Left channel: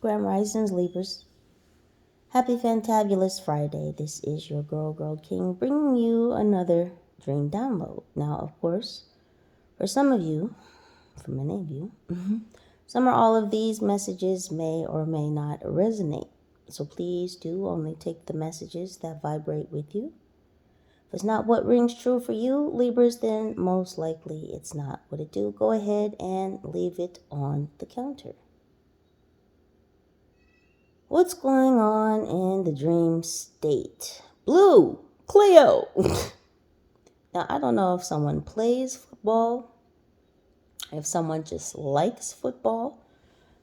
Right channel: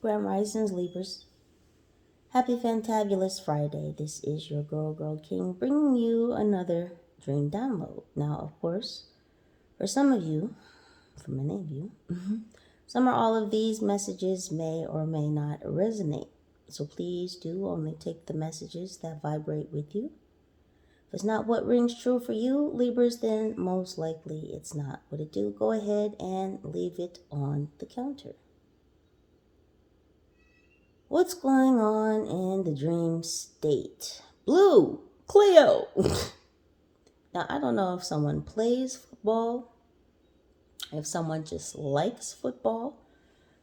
Grand Risings, Libras. Happy Fantabulous Friday. This is your girl King bringing you another dream download. Now, of course, for some of you, for many of you, some or all of these messages may or may not resonate. So please do only take the messages that vibrate with you. If it's not what rings true for you, Libras, then most likely it's not what it do. Go ahead and leave it on the counter. What's going on in the dream state? Blue, Cleo. Now, I don't know if someone plays football, if someone just likes football.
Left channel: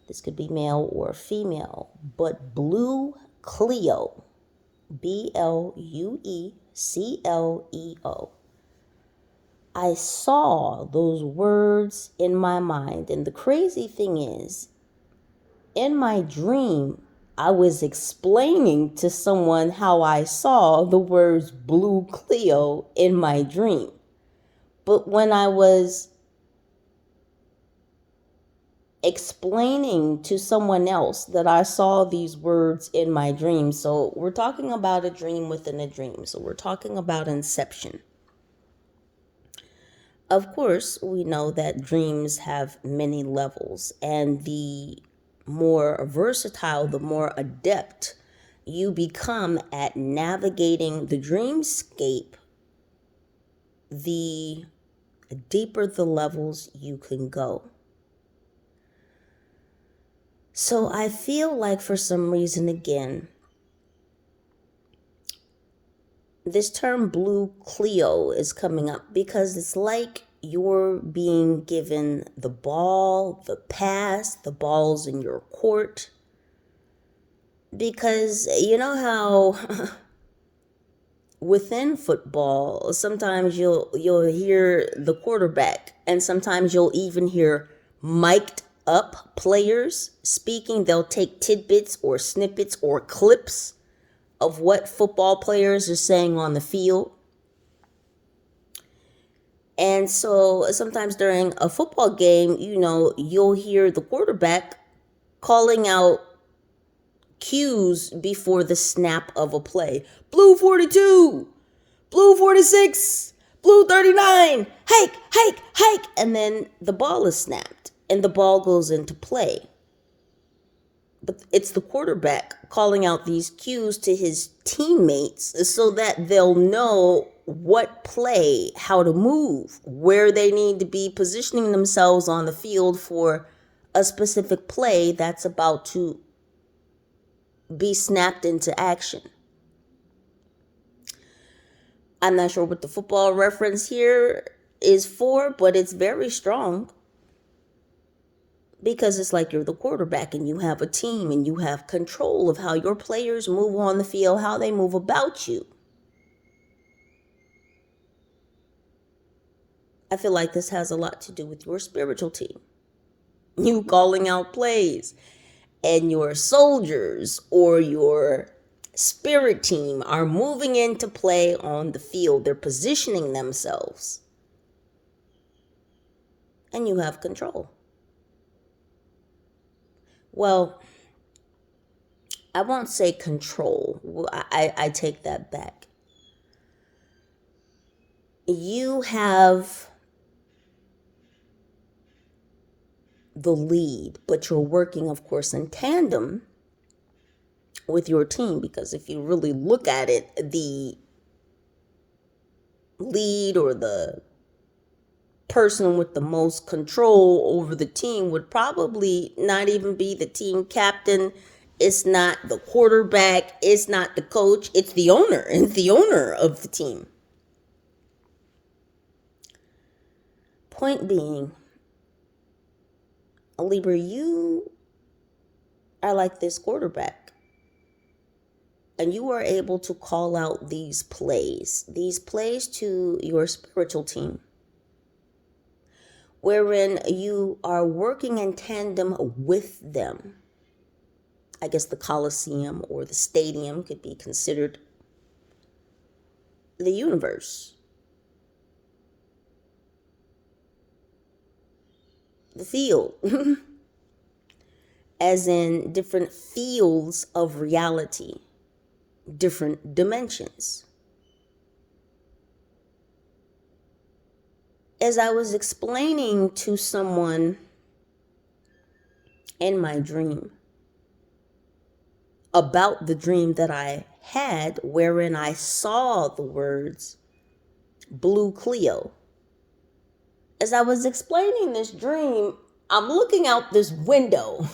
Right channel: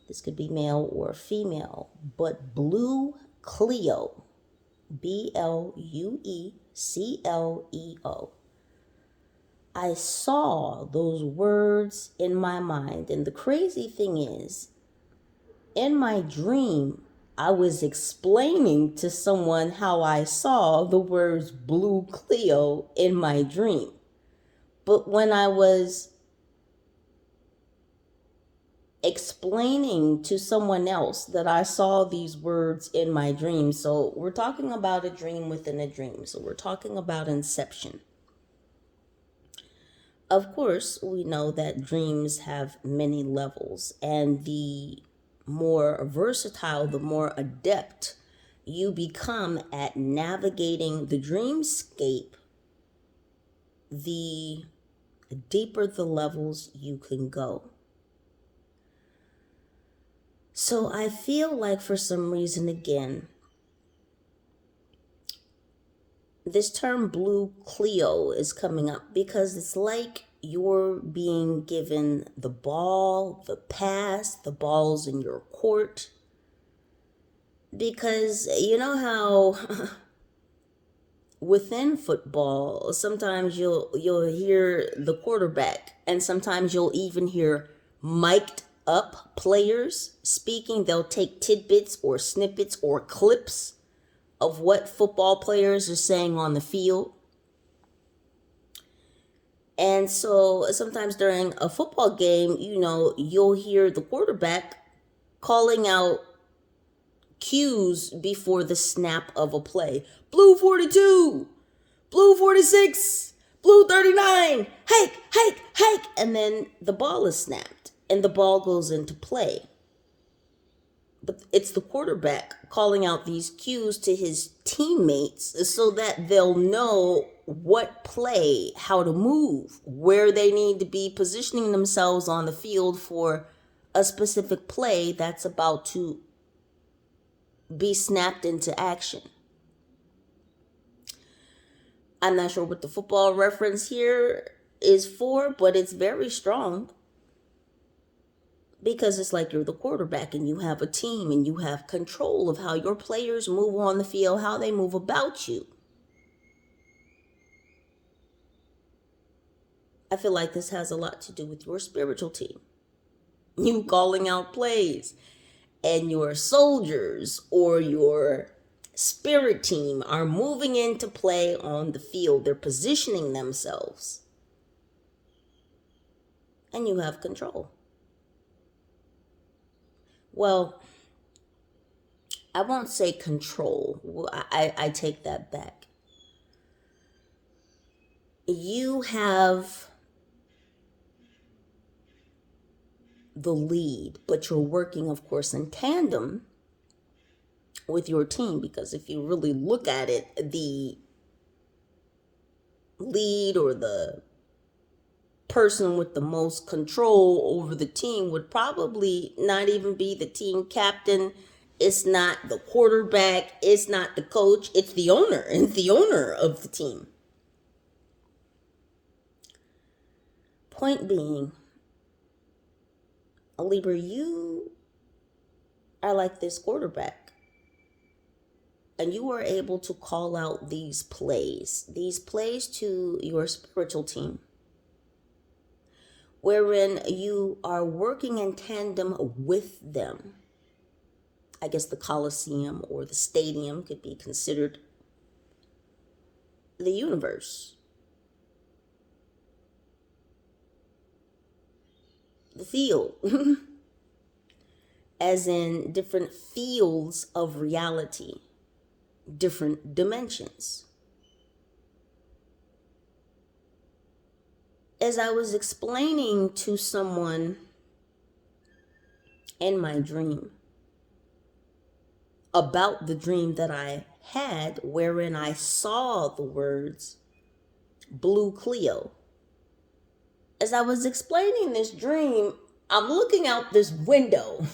This could be male or female, but Blue Cleo, BLUECLEO. I saw those words in my mind, and the crazy thing is, in my dream, I was explaining to someone how I saw the words Blue Cleo in my dream. But when I was explaining to someone else that I saw these words in my dream, so we're talking about a dream within a dream. So we're talking about Inception. Of course, we know that dreams have many levels, and the more versatile, the more adept you become at navigating the dreamscape, the deeper the levels you can go. So I feel like for some reason, again, this term Blue Cleo is coming up because it's like you're being given the ball, the pass, the ball's in your court. Because you know how within football, sometimes you'll hear the quarterback, and sometimes you'll even hear mic'd up players speaking. They'll take tidbits or snippets or clips of what football players are saying on the field. And so sometimes during a football game, you'll hear the quarterback calling out cues before the snap of a play. Blue 42, blue 46, blue 39, hike, hike, hike. And then the ball is snapped and the ball goes into play. But it's the quarterback calling out these cues to his teammates so that they'll know what play, how to move, where they need to be positioning themselves on the field for a specific play that's about to be snapped into action. I'm not sure what the football reference here is for, but it's very strong. Because it's like you're the quarterback and you have a team and you have control of how your players move on the field, how they move about you. I feel like this has a lot to do with your spiritual team. You calling out plays, and your soldiers or your spirit team are moving into play on the field. They're positioning themselves. And you have control. Well, I won't say control. I take that back. You have the lead, but you're working, of course, in tandem with your team, because if you really look at it, the lead or the person with the most control over the team would probably not even be the team captain. It's not the quarterback. It's not the coach. It's the owner. It's the owner of the team. Point being, Libra, you are like this quarterback. And you are able to call out these plays to your spiritual team, wherein you are working in tandem with them. I guess the Coliseum or the stadium could be considered the universe. The field. as in different fields of reality, different dimensions. As I was explaining to someone in my dream about the dream that I had, wherein I saw the words Blue Cleo, as I was explaining this dream, I'm looking out this window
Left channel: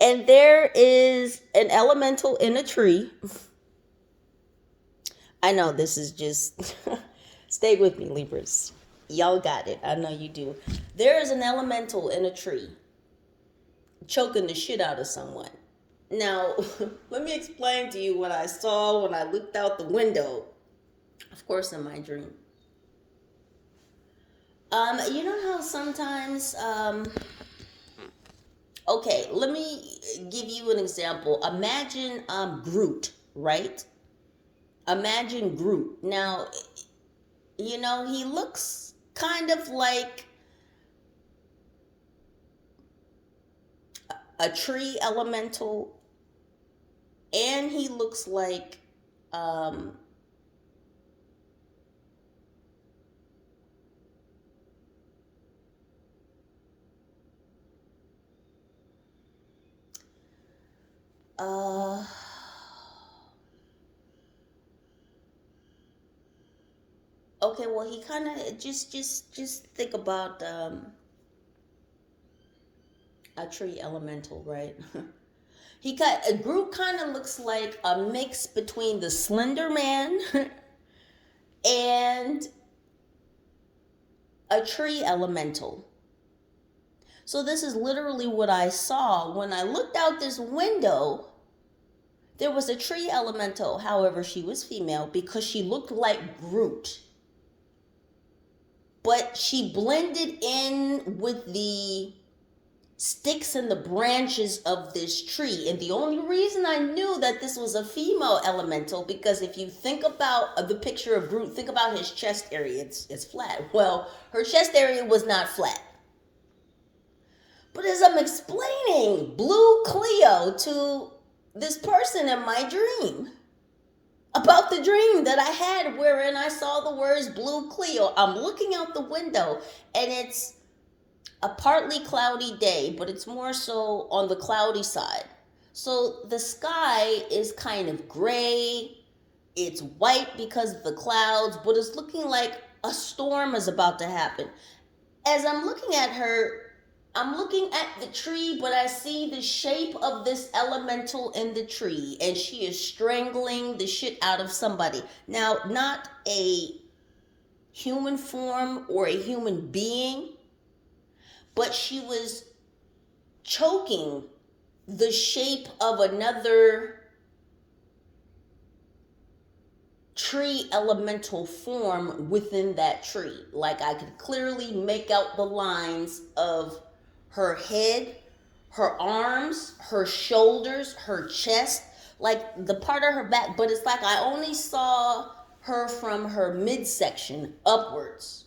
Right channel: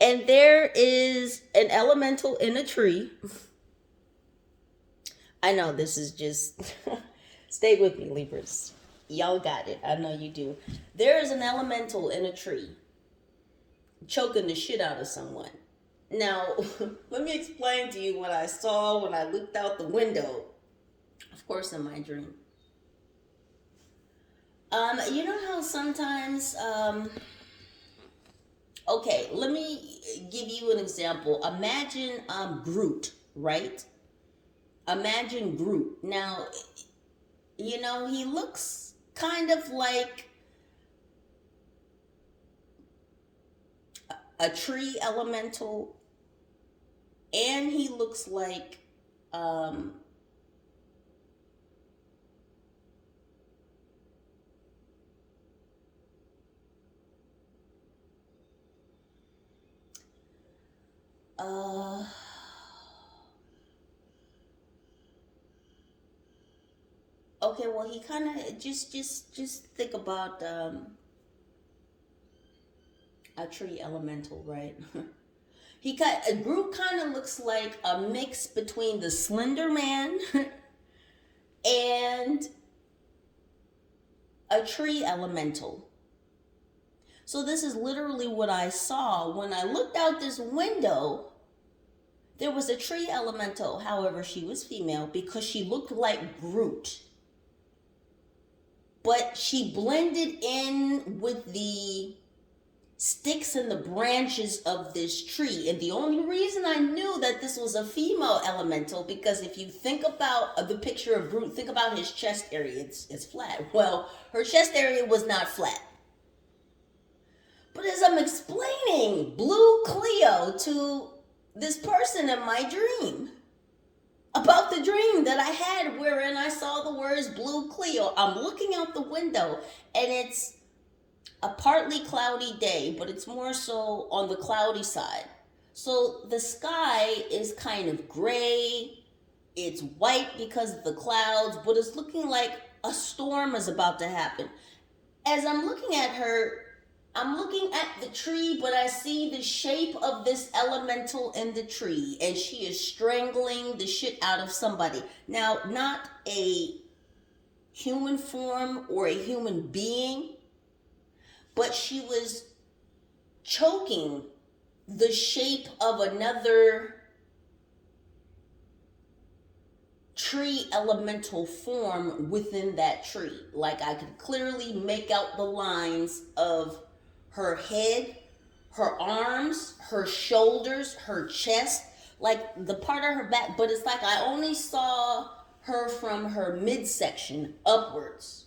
and there is an elemental in a tree. I know this is just, stay with me, Libras. Y'all got it. I know you do. There is an elemental in a tree choking the shit out of someone. Now, let me explain to you what I saw when I looked out the window. Of course, in my dream. You know how sometimes, okay, let me give you an example. Imagine Groot, right? Imagine Groot. Now, you know, he looks kind of like a tree elemental, and he looks like okay, well, he kind of just think about a tree elemental, right? Groot kind of looks like a mix between the Slender Man and a tree elemental. So this is literally what I saw when I looked out this window. There was a tree elemental, however, she was female because she looked like Groot. But she blended in with the sticks and the branches of this tree. And the only reason I knew that this was a female elemental, because if you think about the picture of Groot, think about his chest area. It's flat. Well, her chest area was not flat. But as I'm explaining Blue Cleo to this person in my dream about the dream that I had wherein I saw the words Blue Cleo, I'm looking out the window and it's a partly cloudy day, but it's more so on the cloudy side. So the sky is kind of gray. It's white because of the clouds, but it's looking like a storm is about to happen. As I'm looking at her, I'm looking at the tree, but I see the shape of this elemental in the tree, and she is strangling the shit out of somebody. Now, not a human form or a human being, but she was choking the shape of another tree elemental form within that tree. Like I could clearly make out the lines of her head, her arms, her shoulders, her chest, like the part of her back, but it's like I only saw her from her midsection upwards.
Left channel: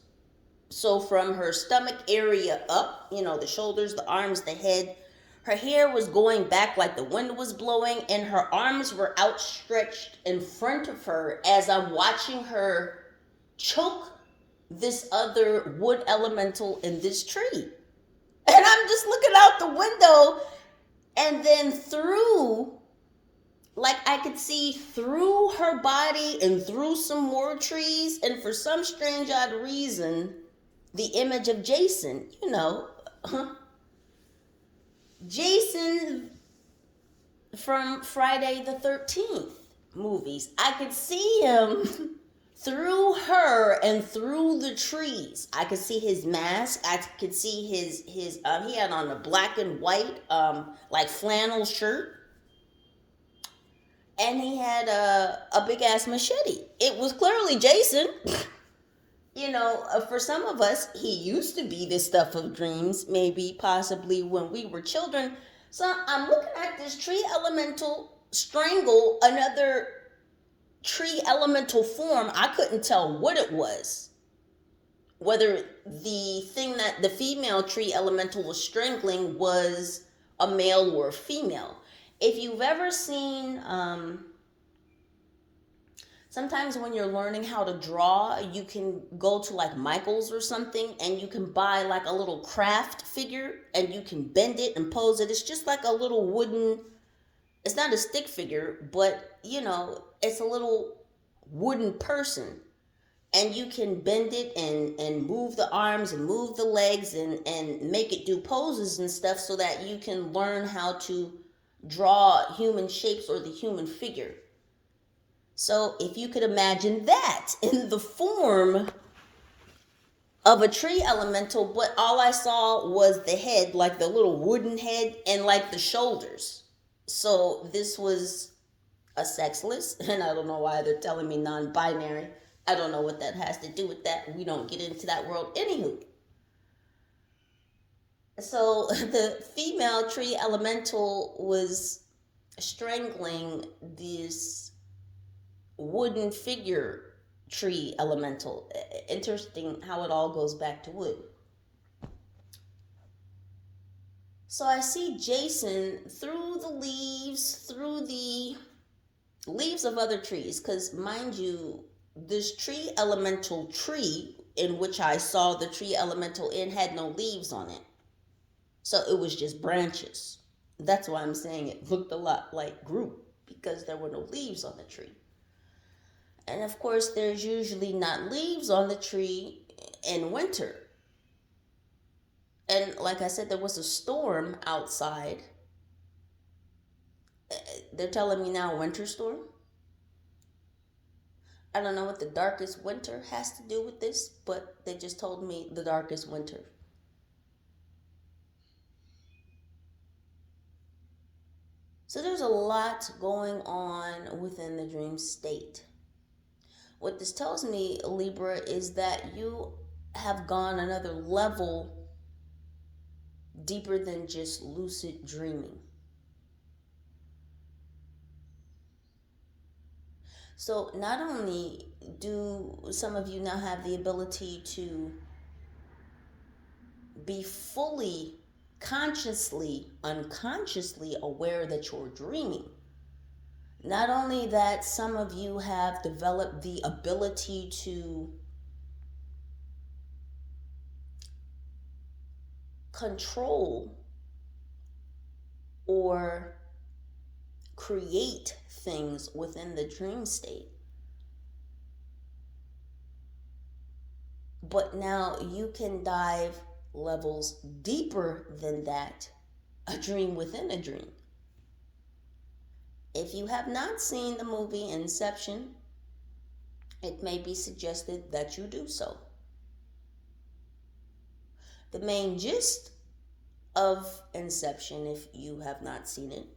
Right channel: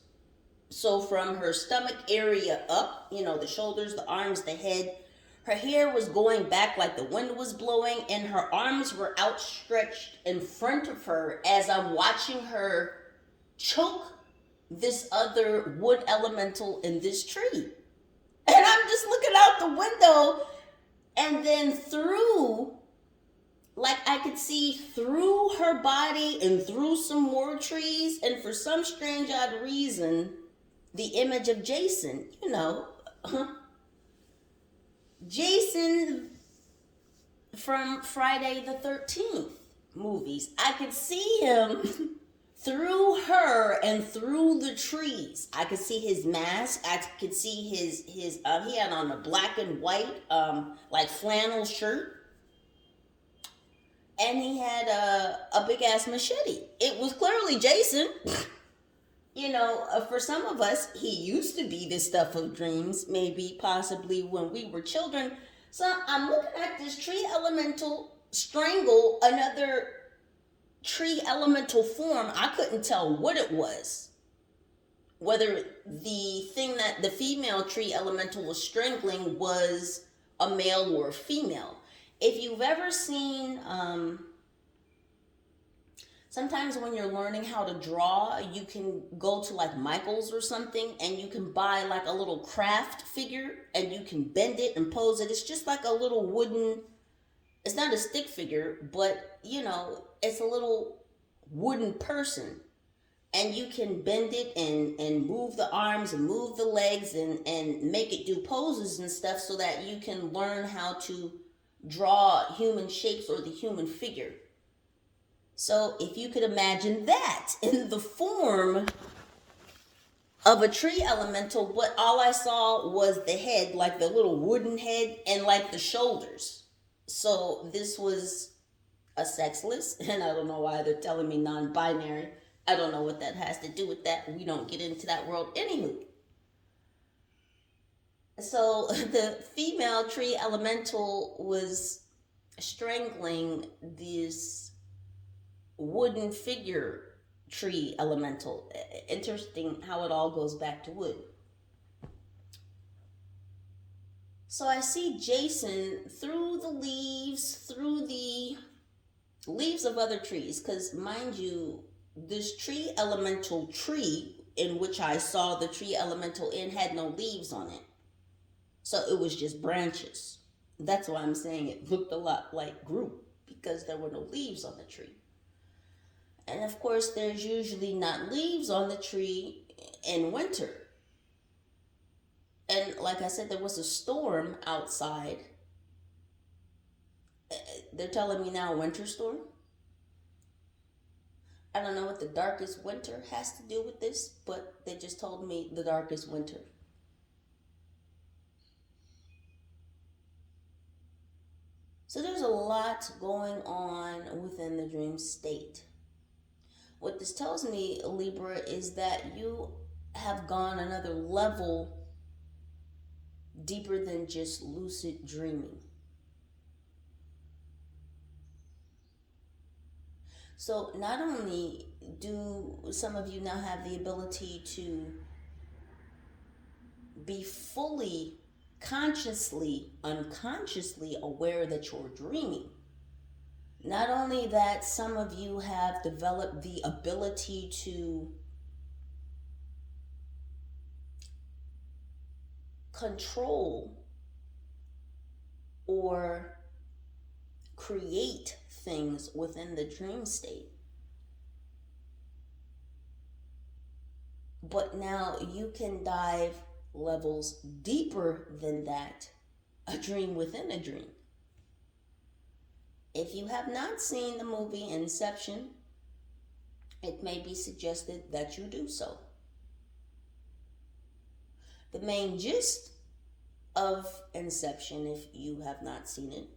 So from her stomach area up, you know, the shoulders, the arms, the head, her hair was going back like the wind was blowing, and her arms were outstretched in front of her as I'm watching her choke this other wood elemental in this tree. And I'm just looking out the window, and then through, like I could see through her body and through some more trees, and for some strange odd reason, the image of Jason, you know, Jason from Friday the 13th movies. I could see him through her and through the trees. I could see his mask. I could see his he had on a black and white like flannel shirt, and he had a big ass machete. It was clearly Jason. You know, for some of us, he used to be this stuff of dreams, maybe possibly when we were children. So I'm looking at this tree elemental strangle another tree elemental form. I couldn't tell what it was. Whether the thing that the female tree elemental was strangling was a male or a female. If you've ever seen, sometimes when you're learning how to draw, you can go to like Michael's or something and you can buy like a little craft figure and you can bend it and pose it. It's just like a little wooden, it's not a stick figure, but it's a little wooden person. And you can bend it and move the arms and move the legs and make it do poses and stuff so that you can learn how to draw human shapes or the human figure. So if you could imagine that in the form of a tree elemental, but all I saw was the head, like the little wooden head, and like the shoulders. So this was a sexless, and I don't know why they're telling me non-binary. I don't know what that has to do with that. We don't get into that world. Anywho. So the female tree elemental was strangling this wooden figure tree elemental. Interesting how it all goes back to wood. So I see Jason through the leaves of other trees, because mind you, this tree elemental tree in which I saw the tree elemental in had no leaves on it. So it was just branches. That's why I'm saying it looked a lot like Groot, because there were no leaves on the tree. And of course, there's usually not leaves on the tree in winter. And like I said, there was a storm outside. They're telling me now winter storm. I don't know what the darkest winter has to do with this, but they just told me the darkest winter. So there's a lot going on within the dream state. What this tells me, Libra, is that you have gone another level deeper than just lucid dreaming. So not only do some of you now have the ability to be fully consciously, unconsciously aware that you're dreaming, not only that, some of you have developed the ability to control or create things within the dream state. But now you can dive levels deeper than that, a dream within a dream. If you have not seen the movie Inception, it may be suggested that you do so. The main gist of Inception, if you have not seen it,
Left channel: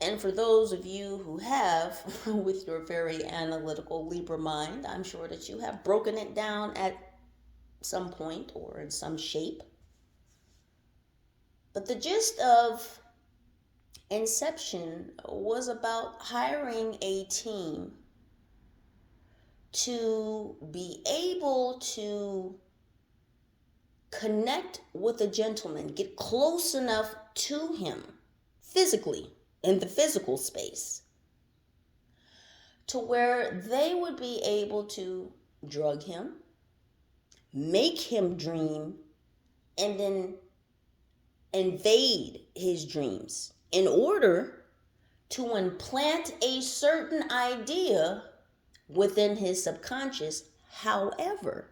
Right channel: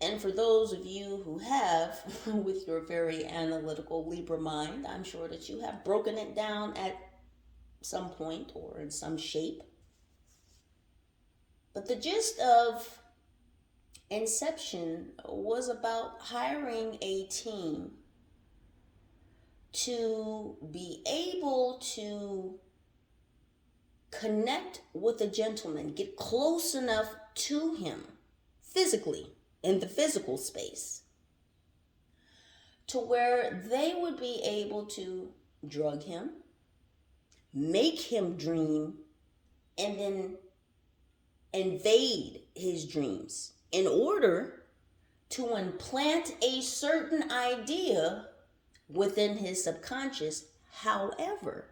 and for those of you who have, with your very analytical Libra mind, I'm sure that you have broken it down at some point or in some shape. But the gist of Inception was about hiring a team to be able to connect with a gentleman, get close enough to him physically, in the physical space, to where they would be able to drug him, make him dream, and then invade his dreams in order to implant a certain idea within his subconscious. However,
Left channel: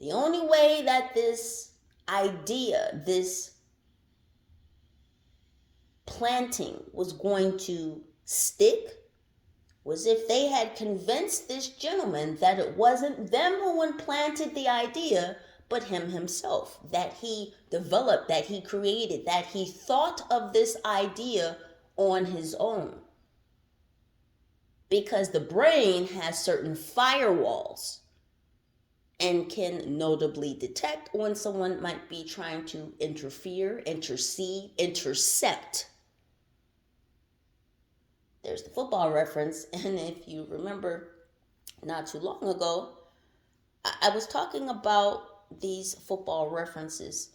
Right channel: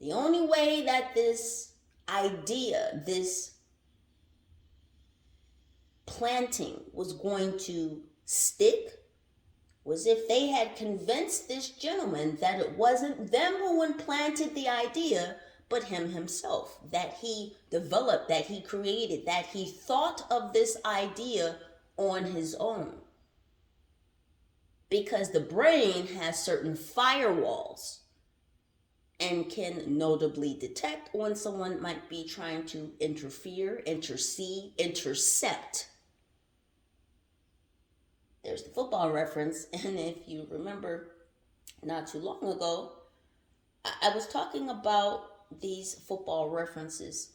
the only way that this idea, this planting was going to stick was if they had convinced this gentleman that it wasn't them who implanted the idea, but him himself, that he developed, that he created, that he thought of this idea on his own. Because the brain has certain firewalls and can notably detect when someone might be trying to interfere, intercede, intercept. There's the football reference, and if you remember not too long ago, I was talking about these football references.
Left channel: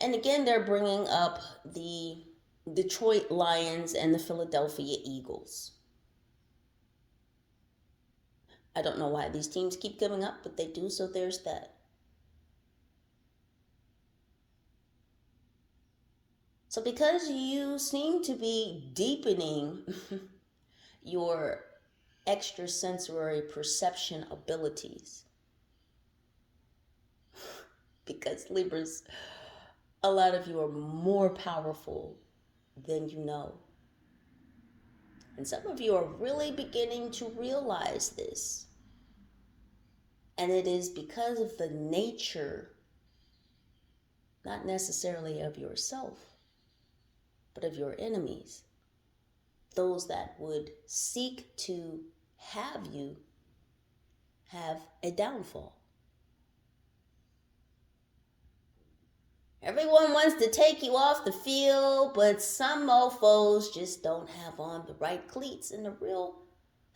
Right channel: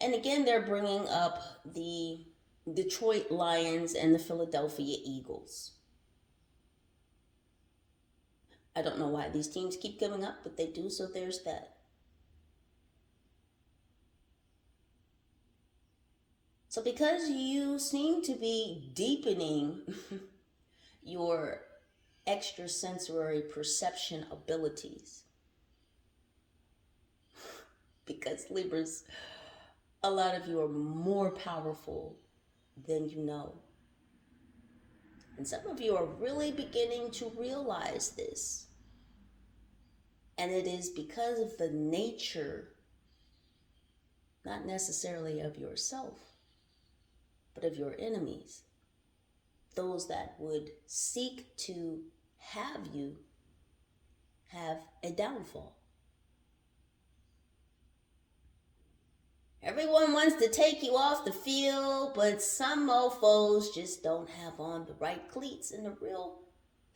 And again, they're bringing up the Detroit Lions and the Philadelphia Eagles. I don't know why these teams keep coming up, but they do, so there's that. So because you seem to be deepening your extrasensory perception abilities, because Libras, a lot of you are more powerful than you know. And some of you are really beginning to realize this. And it is because of the nature, not necessarily of yourself, but of your enemies. Those that would seek to have you have a downfall. Everyone wants to take you off the field, but some mofos just don't have on the right cleats. And the real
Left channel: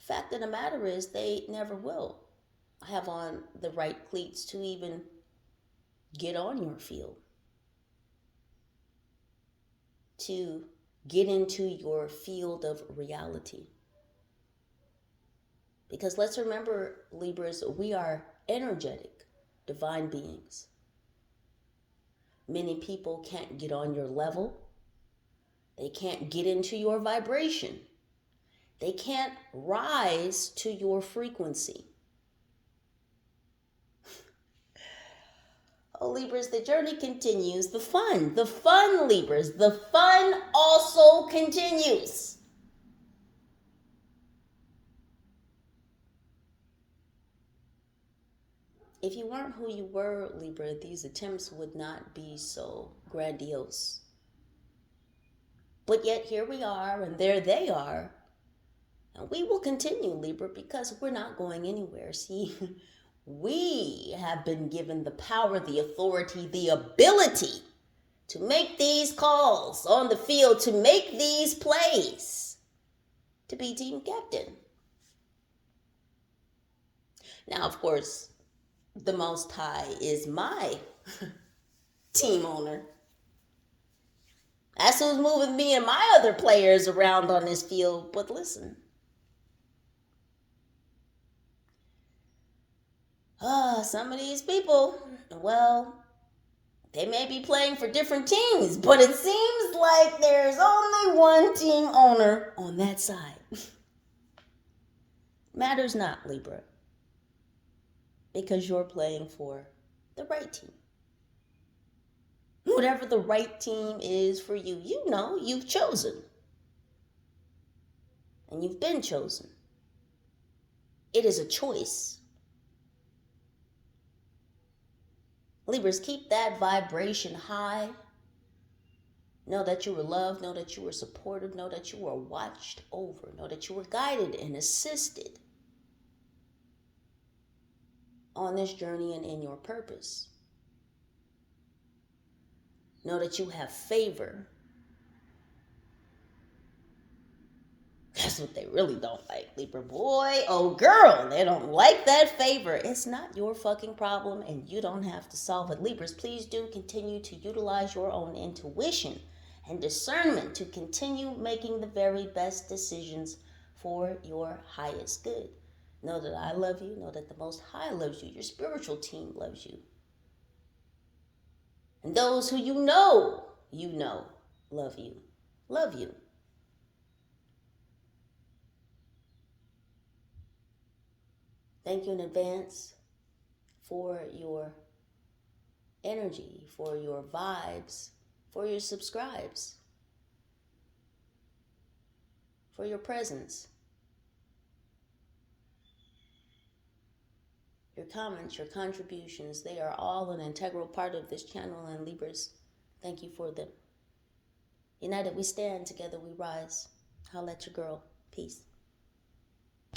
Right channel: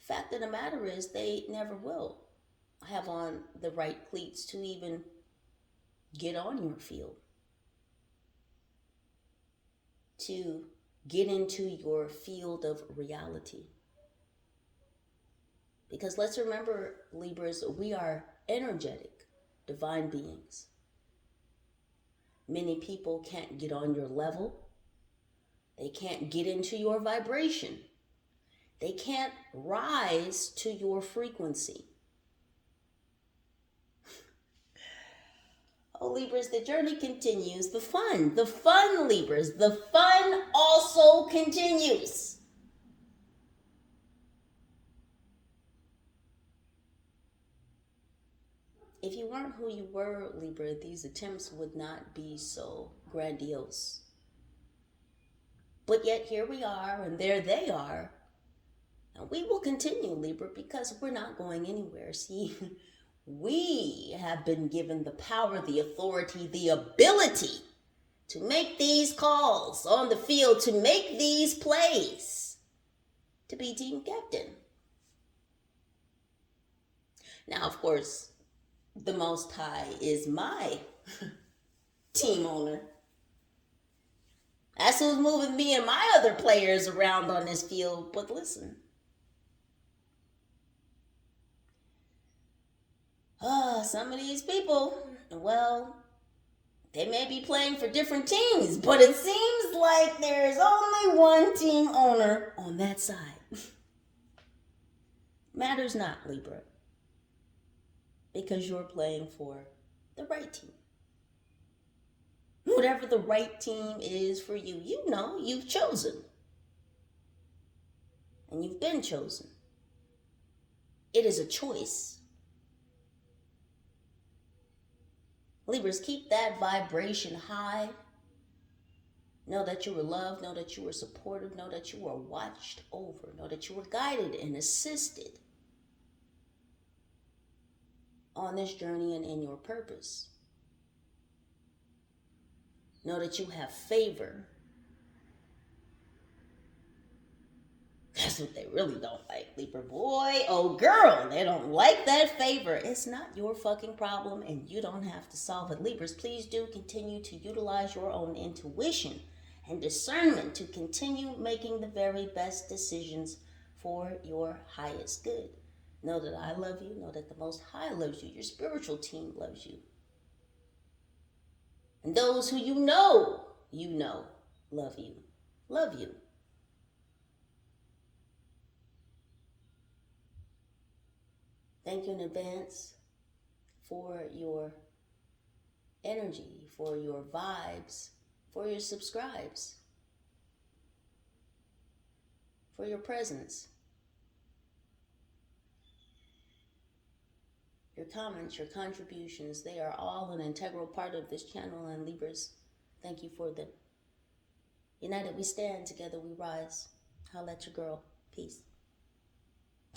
fact of the matter is they never will have on the right cleats to even get on your field, to get into your field of reality. Because let's remember, Libras, we are energetic, divine beings. Many people can't get on your level. They can't get into your vibration. They can't rise to your frequency. Oh, Libras, the journey continues. The fun, Libras, the fun also continues. If you weren't who you were, Libra, these attempts would not be so grandiose. But yet here we are, and there they are. And we will continue, Libra, because we're not going anywhere. See, we have been given the power, the authority, the ability to make these calls on the field, to make these plays, to be team captain. Now, of course, the Most High is my team owner. That's who's moving me and my other players around on this field. But listen, some of these people, well, they may be playing for different teams, but it seems like there's only one team owner on that side. Matters not, Libra, because you're playing for the right team. Whatever the right team is for you, you know you've chosen. And you've been chosen. It is a choice. Libras, keep that vibration high. Know that you were loved. Know that you were supported. Know that you were watched over. Know that you were guided and assisted on this journey and in your purpose. Know that you have favor. That's what they really don't like, Libra. Boy, oh girl, they don't like that favor. It's not your fucking problem, and you don't have to solve it. Libras, please do continue to utilize your own intuition and discernment to continue making the very best decisions for your highest good. Know that I love you. Know that the Most High loves you. Your spiritual team loves you. And those who you know, love you. Love you. Thank you in advance for your energy, for your vibes, for your subscribes, for your presence, your comments, your contributions. They are all an integral part of this channel, and Libras, thank you for them. United we stand, together we rise. Holla at your girl. Peace.